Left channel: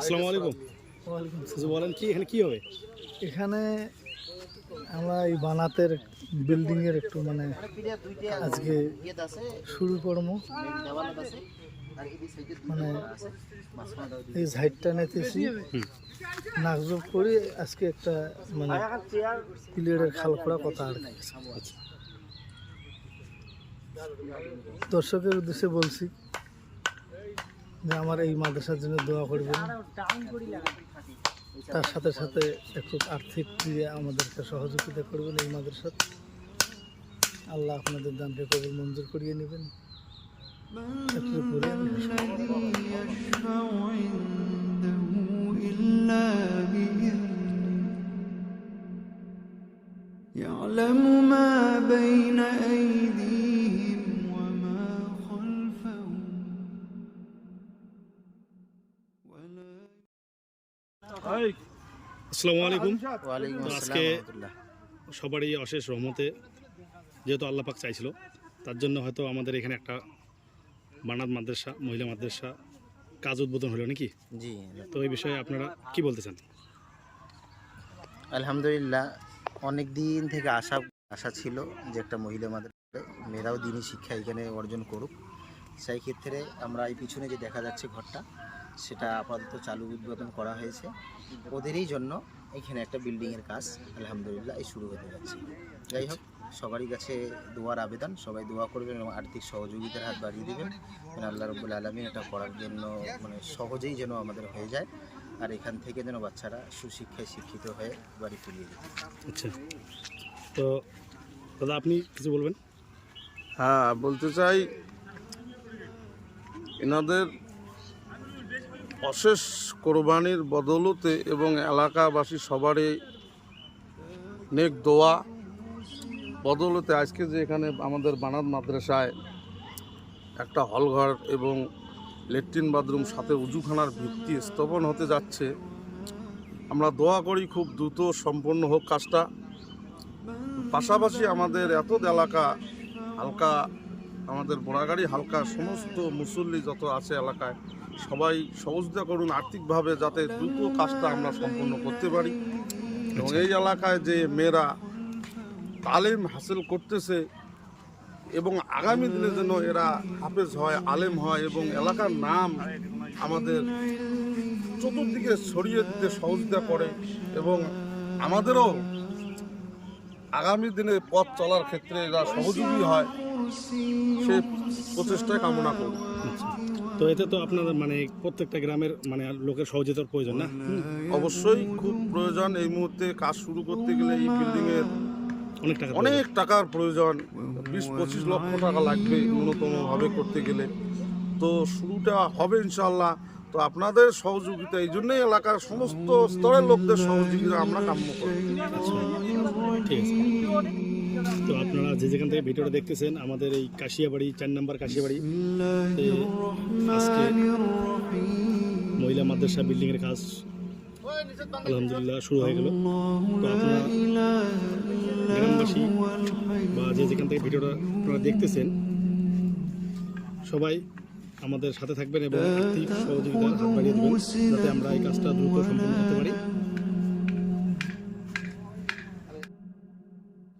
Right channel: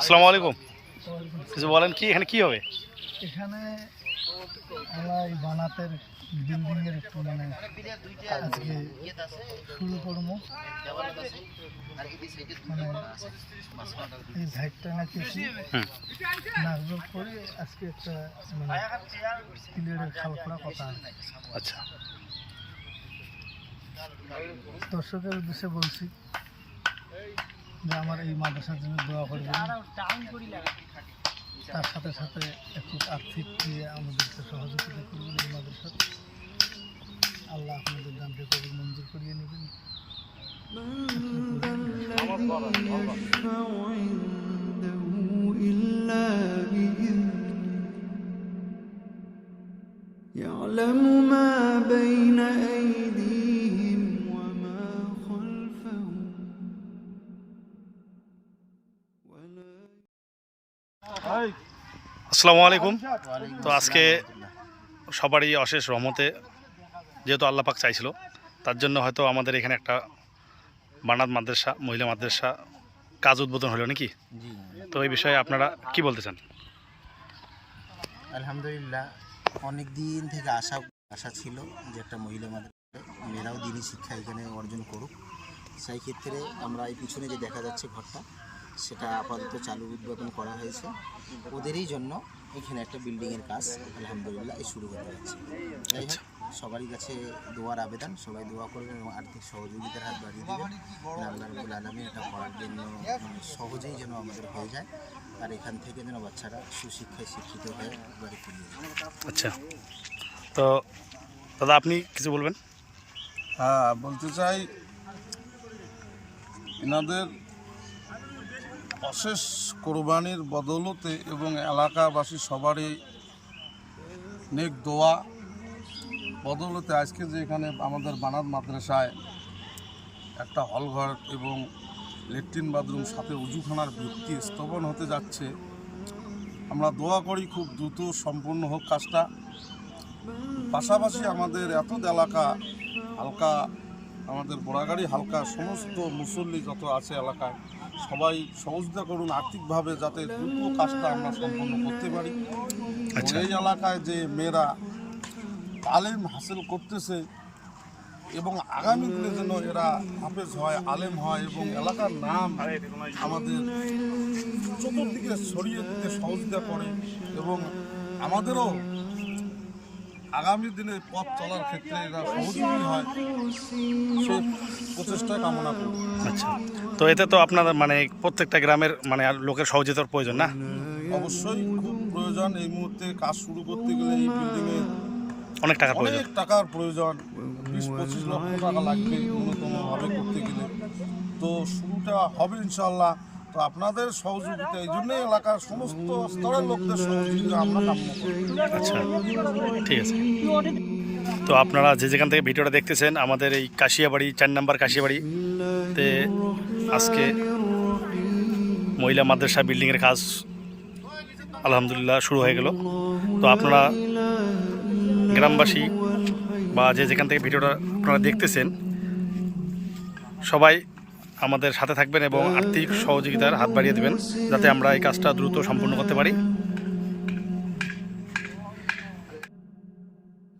আসসালামু আলাইকুম। কিছু বলেন কি এখানে কি হবে? এখানে আমরা এই বানাতের বিল্ডিং এর একটু মানে আজকে শুরু করব। মানে এই সাইডটা নিতেছি। নাকজোক করে আজকে একটা মানে প্লেয়ারের খাল করা কথা আচ্ছা। দর্শকের উদ্দেশ্যে বলছি যে আমার এই মাদ্রাসার জন্য দোয়া করবেন তার সাথে সাথে একটু আর্থিক দিয়ে আমাদেরকে সহযোগিতা করবেন এই মাদ্রাসার আল্লাহ আপনাদের দানকে কবুল মঞ্জুর করিয়ে নেবেন একটু করে الذي يشفع عنده إلا بإذنه يعلم ما بين أيديهم আসসালামু আলাইকুম। তো আজকে সবারই অশেষ রহমতে যেহেতু আল্লাহ পাক চাইছিল তার জন্য হয়তো আমাদের এখানে একটা বানাত মাদ্রাসা মহিলা মাদ্রাসা কাজ উদ্বোধন হলো নাকি? জি তো এই বিষয়ে আপনারা কি বলতে চান? আলহামদুলিল্লাহ অনেক দিন থেকে আশা আশা ছিল যে একটা মহিলা মাদ্রাসা মেয়েরাও দিনই শিক্ষা এখানে অর্জন করুক। সেই ক্ষেত্রে আমরা এই পিছনে যে দেখা যাচ্ছে ঘরটা সেটা আপাতত চালু উদ্বোধন করা হয়েছে। ওদেরই জন্য এখানে একটা বিল্ডিংয়ের কাজ আলহামদুলিল্লাহ এই শুরু হতে যাচ্ছে। যাই হোক সবারই কাছে দোয়ার আবেদন সবাই দোয়া করবেন এবং আর্থিক সহযোগিতার হাত বাড়িয়ে দেবেন। যেন আল্লাহ রবুল আলমী এটা করার জন্য মানে সহজেই যেন আমাদের হয়ে যায় আর এখান থেকে যেন বাচ্চারা সুশিক্ষায় শিক্ষিত হয়ে বাড়ি ফিরিয়ে যায় আচ্ছা। তো দাদা আপনি কিছু বলবেন? হ্যাঁ বলতে চাই এনাদের অশেষ কোরবানির বদৌলতে এবং এলাকাবাসী সবারই নেক দোয়া। বদৌলতে আজকে যে এখানে আমাদের বানাত মাদ্রাসায় একটা হলঘর এবং লেট্রিন বাথরুম, সাথে উজুখানার ভিত্তি স্থাপন হতে যাচ্ছে। আমরা দোয়া করি খুব দ্রুত সম্পন্ন হোক কাজটা। পাশাপাশি আমাদের এত এলাকা হালকা, আমাদের বোড়াগাড়ি হালকা, সমস্ত মুসল্লি যত আছে এলাকায় সবাই সহযোগিতা করুন আর্থিকভাবে যাতে দ্রুত কাজটা আমরা সম্পন্ন করতে পারি। আচ্ছা। এই এলাকায় যে মেয়েরা তালিম হাসিল করতেছে এবং আগামী দিনে যেন এরা হাফেজ হয় আলেম হয় এবং এলাকার নাম আমাদের চতুর্দিকে ছড়িয়ে দিতে সহযোগিতা করে এবং আমাদেরও আগামী দিনে পথ চলার ক্ষেত্রে এরা সহযোগী হয় সে প্রচেষ্টায় কামনা করি। আচ্ছা। তো এতে তো আপনাদের মানে প্রত্যেকটা গ্রামের মানে আর লোকের সহযোগিতার প্রয়োজন না? অবশ্যই খুব প্রয়োজন। এই মুহূর্তে কাজ শুরু করতে গেলে এই বিল্ডিং এর অনেক টাকা প্রয়োজন। অনেক টাকার প্রয়োজন। বিশ পঁচিশ লক্ষ টাকা লাগবে ন্যূনতম ভাবে করতে গেলে। তো শুরুটা হবে ইনশাল্লাহ তো আপনাদের সহযোগিতা এই জন্যই এলাকার সমস্ত স্তরের লোকদের সহযোগিতা আমরা কাম্য করি। আচ্ছা ঠিক আছে। তো আপনারা যে যেখান থেকে ভিডিওটা দেখতেছেন, আমাদের এই কাশিয়াবাড়ি, চার নাম্বার কাশিয়াবাড়ি, তে আজকে মহিলা মাদ্রাসা বিল্ডিংয়ের কাজ আলহামদুলিল্লাহ শুরু হয়ে গেল। তো আপনারা গ্রামবাসী বা যে যেখান থেকে ভিডিওটা আপনারা দেখতেছেন, সবাই আমাদের সাথে থাকবেন এবং আর্থিক সহযোগিতার হাত বাড়িয়ে দেবেন, যাতে আমরা এই কাজটা দ্রুত সম্পূর্ণ করতে পারি।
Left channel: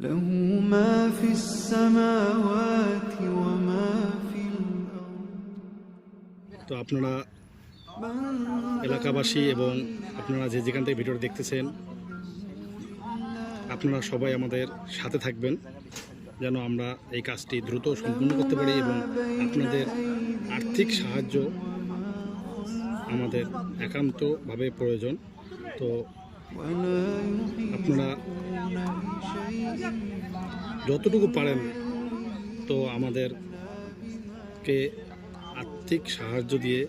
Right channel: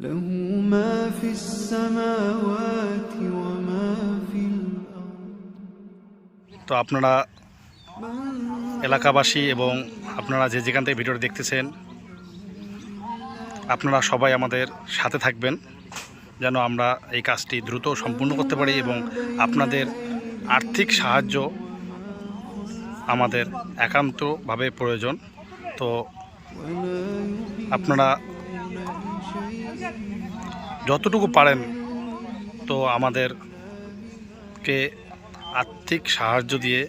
له ما في السماوات وما في الأرض তো আপনারা এলাকাবাসী এবং আপনারা যে যেখান থেকে ভিডিওটা দেখতেছেন আপনারা সবাই আমাদের সাথে থাকবেন যেন আমরা এই কাজটি দ্রুত সম্পূর্ণ করতে পারি এবং আপনাদের আর্থিক সাহায্য আমাদের একান্তভাবে প্রয়োজন তো আপনারা যতটুকু পারেন তো আমাদেরকে আর্থিক সাহায্য দিয়ে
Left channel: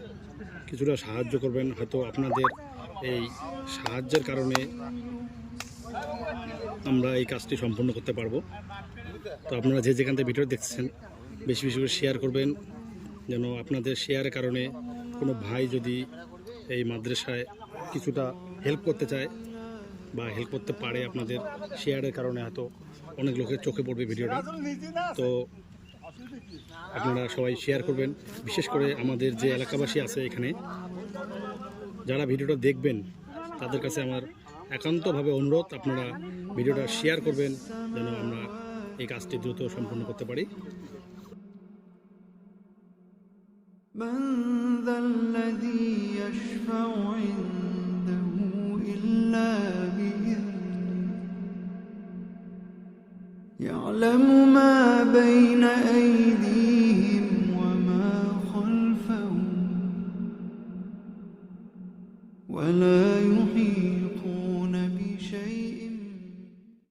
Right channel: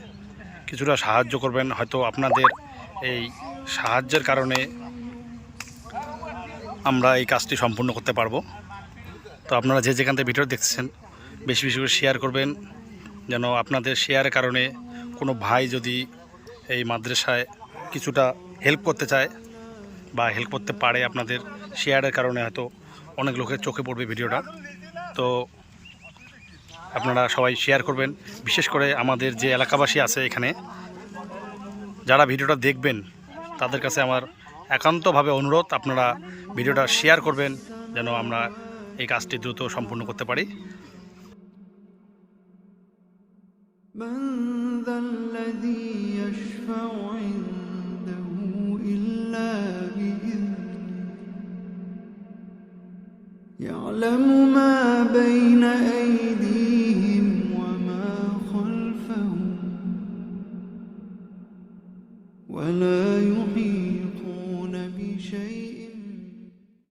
কিছুটা সাহায্য করবেন। হয়তো আপনাদের এই সাহায্যের কারণে আমরা এই কাজটি সম্পূর্ণ করতে পারব। তো আপনারা যে যেখান থেকে ভিডিও দেখছেন, বেশি বেশি করে শেয়ার করবেন, যেন আপনাদের শেয়ারের কারণে কোনো ভাই যদি এই মাদ্রাসায় কিছুটা হেল্প করতে চায় বা হেল্প করতে পারে আপনাদের শেয়ারের কারণে হয়তো অনেক লোকের চোখে পড়বে ভিডিওটা তো আপনারা সবাই শেয়ার করবেন বিশেষ করে আমাদের যে এলাকাবাসী আছে এখানে যারা ভিডিওটা দেখবেন তাদের কাছে আমার একান্তভাবে অনুরোধ আপনারা ভিডিওটা শেয়ার করবেন যেন আমরা এই কাজটি দ্রুত সম্পূর্ণ করতে পারি من ذا الذي يشفع عنده يعلم ما بين أيديهم.